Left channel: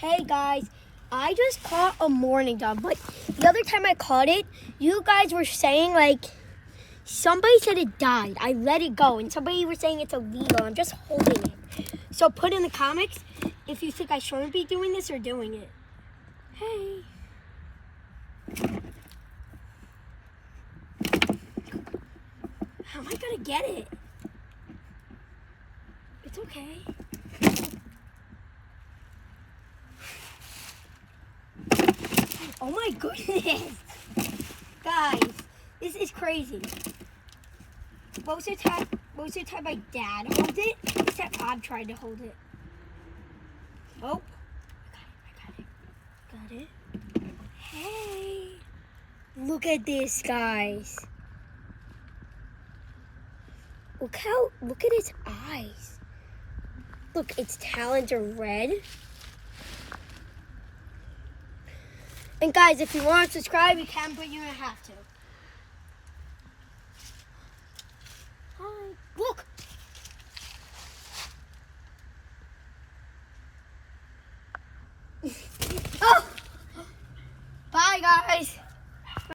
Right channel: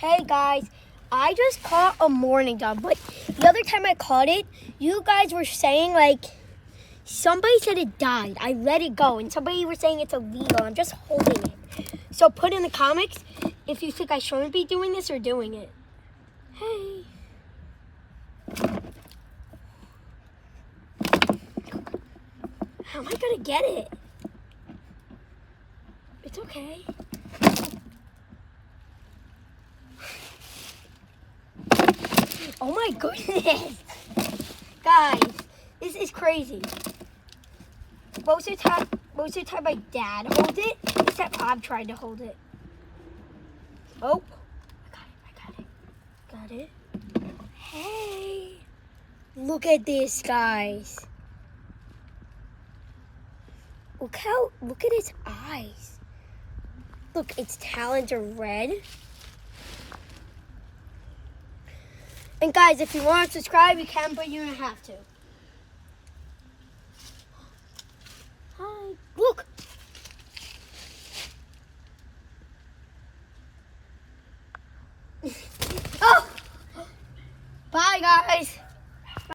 Hey guys, I just caught a mourning dove, but the other time I caught it, you guys were saying somebody said it died. I let it go, and somebody was saying it's illegal. I'm just holding it. So put in the comments if you think I shouldn't be doing this or doing it. Hey. How am I gonna get it? It's okay. Oh my goodness. Guys, this is crazy. Most of the time my dad holds it, except I'm trying to hold it. Oh, I got it. Hey, look at this, guys. Look at his eyes. Look, its talons are red. And guys, if you want to subscribe, you can, but you don't have to. Hi. Look. Oh. Bye, guys.